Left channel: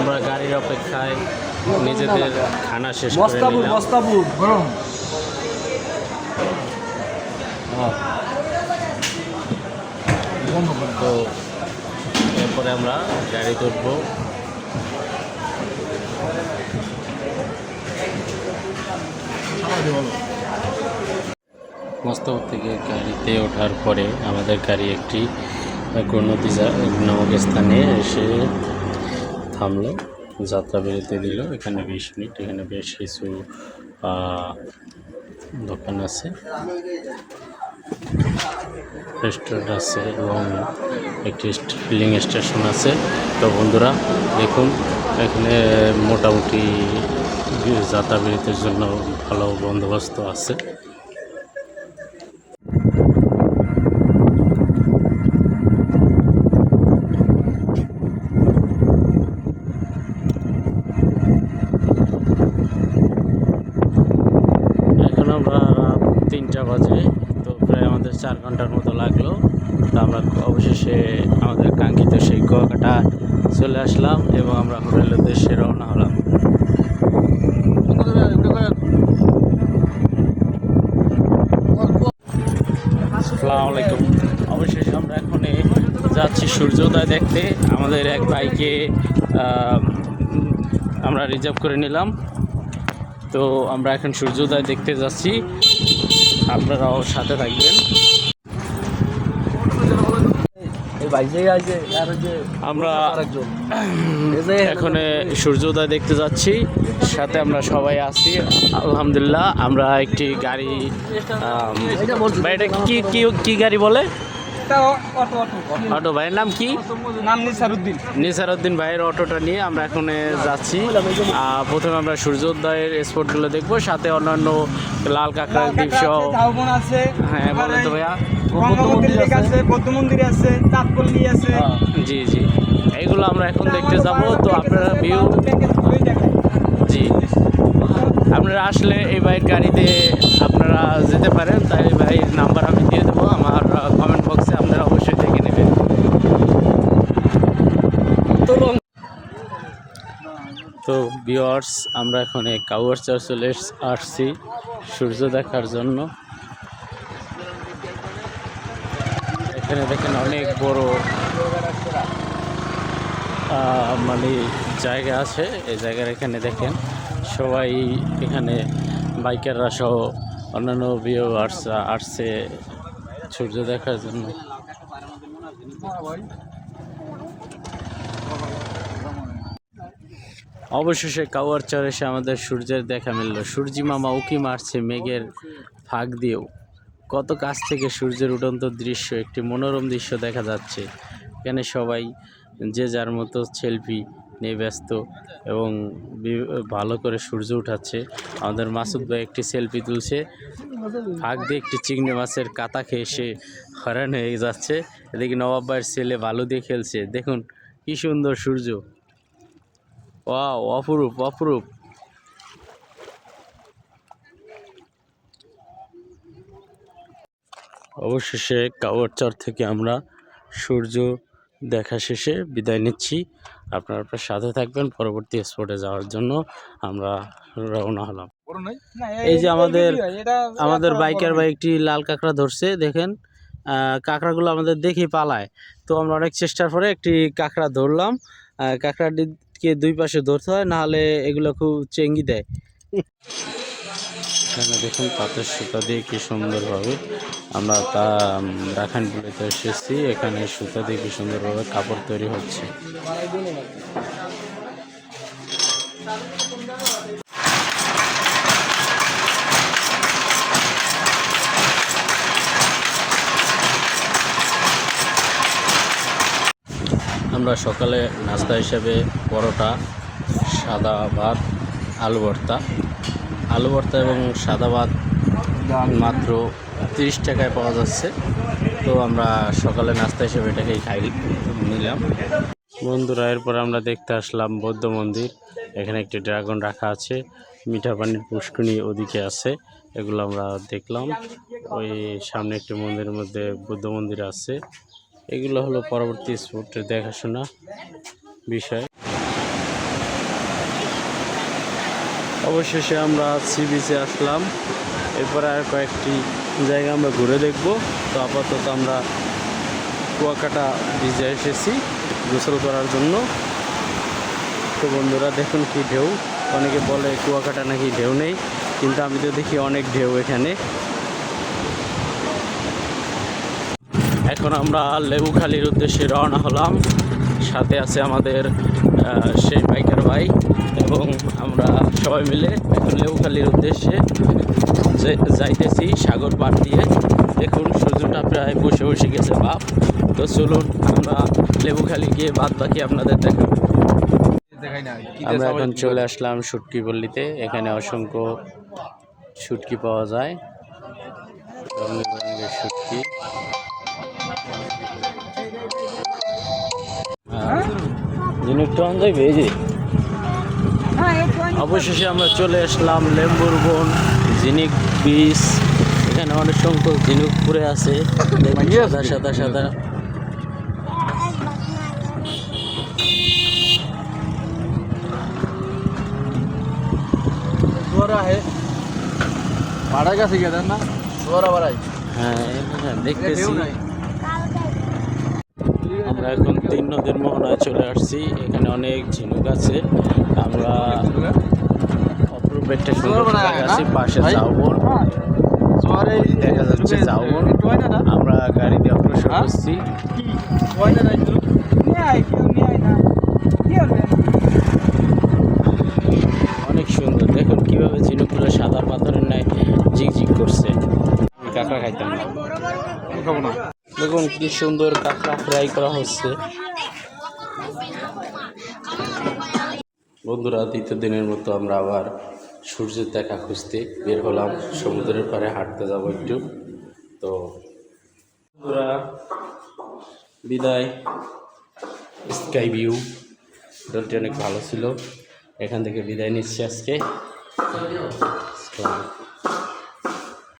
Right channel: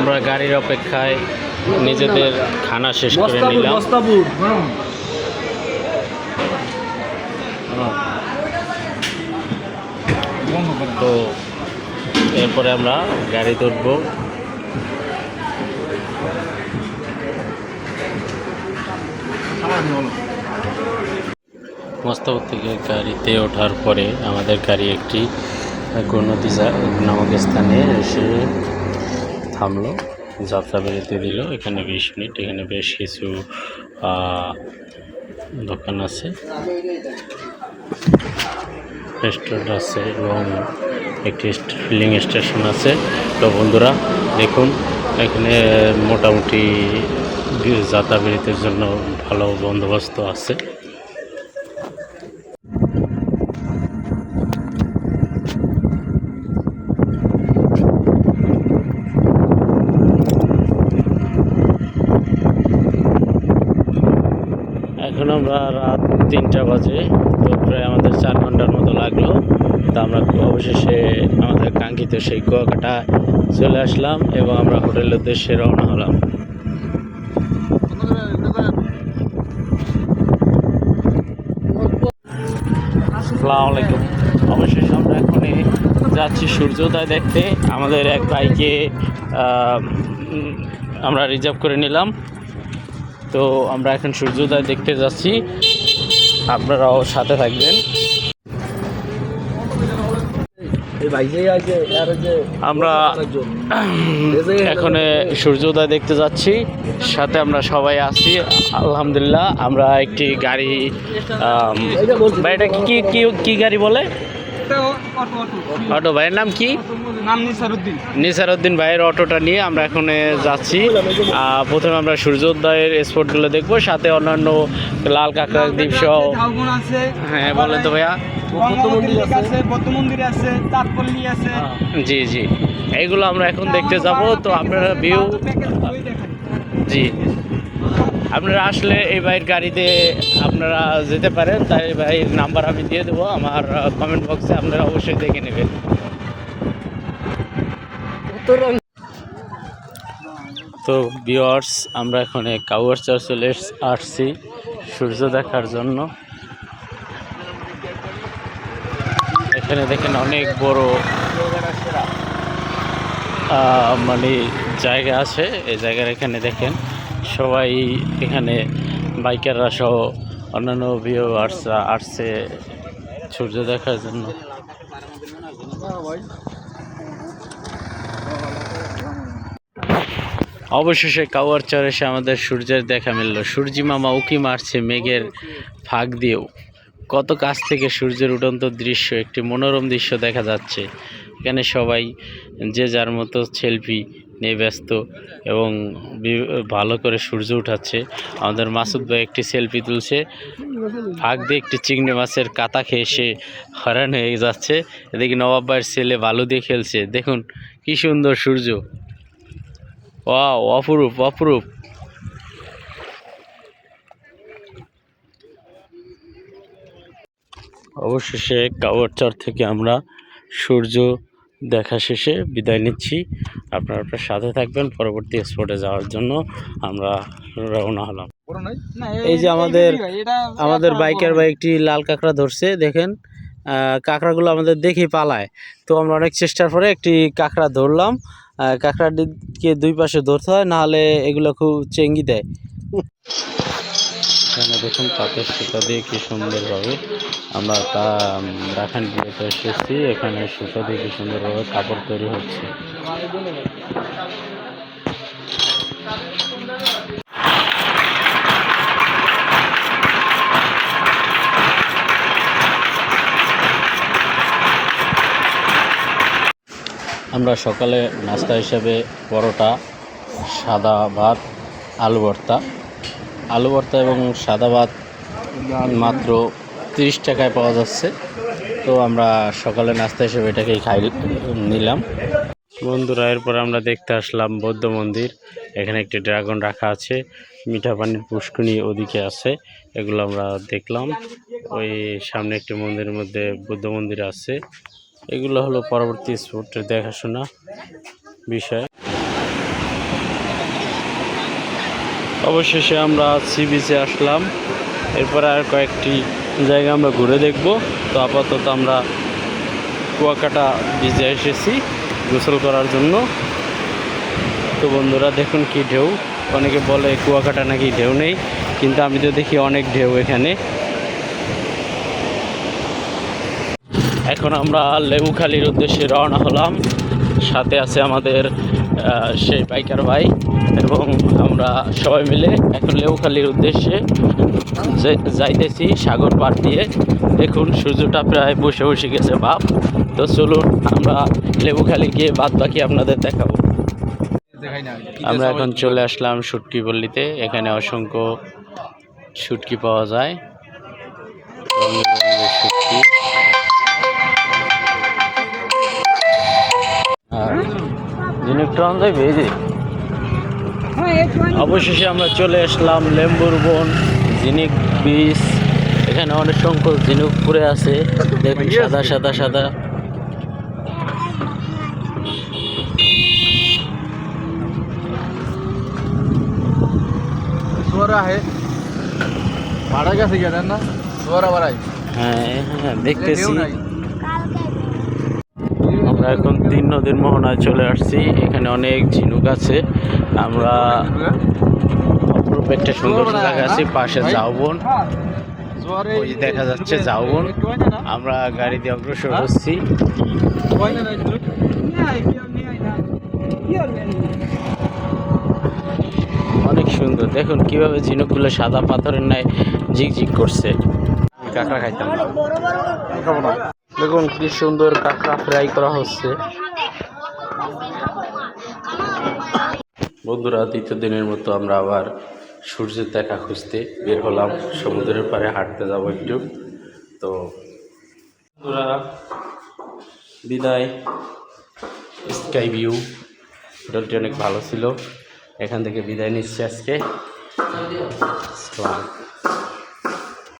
আমরা গাড়ির অপেক্ষায় নিজেদের খানা শেষ করে নিলাম। তো এরপরে আমরা গাড়িতে উঠবো। মোস্তাফর থেকে গাড়িতে ওঠার পরে আমাদের গাড়ি একটি গণনদী নামক স্থানে এসে থামলো, যাত্রা বিরতি দিল। এখানে 20 মিনিট। এখানে বেশ কিছু দোকান আছে, রেস্টুরেন্ট আছে এবং একটি ফিলিং স্টেশন আছে। তো বন্ধুরা দেখুন, এখানে মোটামুটি যাত্রা বিরতির জন্য ভালো বন্দোবস্ত আছে। এখন আমরা রাত 3টা বাজে, তো প্রায় আমাদের 4 ঘন্টার মতো লাগলো। তো আমরা অবশেষে আমাদের কাঙ্ক্ষিত সেই কুয়াকাটা চলে আসলাম এবং আমরা হোটেলের উদ্দেশ্যে রওনা হলাম। আসসালামু আলাইকুম। অবশেষে আমরা এখন যাচ্ছি সূর্যোদয় দেখতে। আমাদের এক ভাইকে আমরা রিজার্ভ করে নিলাম। তো আমরা এখন সূর্যোদয় দেখতে যাচ্ছি, আপনারাও সাথে থাকবেন। আমরা এখন সূর্যোদয় দেখতে যাচ্ছি, সাথে আমরা সবাই আছি আলহামদুলিল্লাহ। আমরা একটি গাড়ি, এটা কি গাড়ি বলে? অটো। ভাইয়ের নাম কি? নিসারউদ্দিন ভাইয়ের অটোটা নিয়ে আমরা এখন যাচ্ছি। প্রথমে আমরা সূর্যোদয়ের স্পটগুলো দেখবো, সাথে অন্যান্য লাল কাঁকড়া দ্বীপ সহ। হ্যাঁ বলেন তো ভাইয়া। জি জি, এইগুলো আমরা এখন দেখতে যাব। তো আপনারা ভিউ, জি, আপনারা আসলে এই ভাইয়ের গাড়িতে আপনারা যেতে পারেন। তাই ভাইয়ের নাম্বার আমি দিয়ে দেবো আমার কমেন্ট বক্সে, আপনারা অবশ্যই দেখে নেবেন। তো ভিউয়ার্স, আমরা এখন কাউয়ারচর চলে আসছি সূর্য দেখার জন্য। এখানে দেখেন অনেক বড় মানে জায়গা আছে। এই জায়গার এখানে দেখেন সবাই, এখানে বাইকাররা সহ অন্যান্য ভিউয়ার্সরা আসছে সূর্য দেখার জন্য। অবশেষে কাউয়ারচর এসে আমাদের সূর্যের দেখা মিলল। সূর্যি মামা উকি মারছে মেঘের ফাঁক দিয়েও। কত কাছ থেকে সূর্যের উড়ন্ত দৃশ্য, একটি মনোরম দৃশ্য দেখা যাচ্ছে। এখানে সবাই যে যার মতো সেলফি নিয়ে ব্যস্ত এবং ভালো করে সূর্য উঠাচ্ছে। আমাদের মাসুদ ভাই একটি সেলফি তুলছে, ফাঁক দিয়ে একটি চিংড়ি মাছের কাতা খেয়ে সে হয়রান হয়ে যাচ্ছে। এদিকে নবাব ভাইয়ের ছেলে বালু দিয়ে খেলছে। দেখুন কি সুন্দর সূর্য, ওয়াও, অপরূপ অপরূপ। অবশেষে কাউয়ারচর থেকে আমরা সূর্য দেখা শেষে বিদায় নিচ্ছি। আপনারা সাথে থাকবেন, পরবর্তী স্পটে যাওয়ার জন্য আমরা রওনা হলাম। এই যে আমাদের বাইকের ভাই একটি লাল কাঁকড়া ধরছে, দেখেন কাঁকড়াগুলো আমাদের দেখেই পালায়। তো আমরা অনেক চেষ্টার পরে একটি কাঁকড়া ধরলাম। কাঁকড়াটিকে দুই পাশে ধরতে হয়, নাহলে এগুলো খুব চেঙ্গি দেয়। এখানে দেখুন তাঁতের সুতা দিয়ে কি সুন্দরভাবে আমরা রাখান বিয়েতে এসেছি। এখানে সুতা দিয়ে কি সুন্দরভাবে কাপড় তৈরি হচ্ছে। আমরা সকালে নাস্তা হিসেবে পরোটা, সাদা ভাত, আলু ভর্তা এবং সাদা ভাত মাত্র 30 টাকায় পাওয়া যাচ্ছে। তো আমরা সকালে নাস্তা হিসেবে এটাকেই নিলাম। বন্ধুরা, এরপর আমরা দেখতে আসলাম বৌদ্ধ মন্দির। এখানে একটি ড্রাগন রাখা আছে, মিঠা পানির পুষ্করণী ওদিকে আছে, এগুলো আমরা দেখলাম। ওই সামনে একটি মন্দিরের মধ্যে বৌদ্ধ মন্দির আছে। এগুলো হলো পরবর্তী স্পটের দেখাশোনা বিষয়। অবশেষে আমরা সি বিচে আসলাম। এরপরে আর কয়েকটি জায়গা আমরা ঘুরে দেখব। তো আপাতত আমরা কুয়াকাটা বিচে এসেছি গোসল করার জন্য। তো বন্ধুরা দেখুন কি ঢেউ। অনেকে বলে কুয়াকাটা নাকি ঢেউ নেই, কিন্তু আমি তো দেখি অনেক ঢেউ এখানে। এখন আমরা লেবুখালীর উদ্দেশ্যে রওনা হলাম। সাথে আছে আমাদের সেই বাইকার ভাই, এবং আমরা সবাই মিলে এখন লেবুখালীর উদ্দেশ্যে যাইতেছি সাগর পাড় দিয়ে। দেখুন সূর্যটা প্রায় বসে গেছে বাপ। তো চলুন আমরা লেবুখালী গিয়ে বাদ বাকি আপনাদের দেখাবো। আমরা এখন চলে আসলাম শুটকি পল্লীতে। এখানে অসংখ্য শুটকি পাওয়া যায়, রঙের রঙের শুটকি। অবশেষে আমরা চলে আসলাম লেম্বুর বন ঝিনুক বিচ। এখানে অনেক সংখ্যক ঝিনুক পড়ে আছে, সাদা সাদা সাদা। হ্যাঁ দেখতেছি। আমরা এখন 3 নদীর মোহনায় চলে আসছি। এখানে অনেক ঝিনুক আছে। আমরা অপরূপ একটা সুন্দর জায়গা আছি, পাশে ঝাউবন, ওই দেখা যাচ্ছে ঝাউবন। আমরা গাড়ি দিয়ে অগ্রসর হচ্ছি। অনেক সুন্দর, দেখুন কিভাবে ঝিনুকগুলো সাদা পাথরের ন্যায় ঝিকঝিক করছে। কাঁকড়া খাইতাম না, দেখুন কি সুন্দর কাঁকড়া ফ্রাই করা হচ্ছে। বন্ধুরা, দ্বিতীয় দিনের মতো আমরা আবার সূর্যের দেখা খুঁজতে বের হলাম। সমুদ্রের পাড়ে হাঁটতে যাব একটু। তো বন্ধুরা বিদায়। স্কাই ভিউ হোটেলটি অনেক ভালো ছিল। এখান থেকে বিদায় নিচ্ছি আজকে।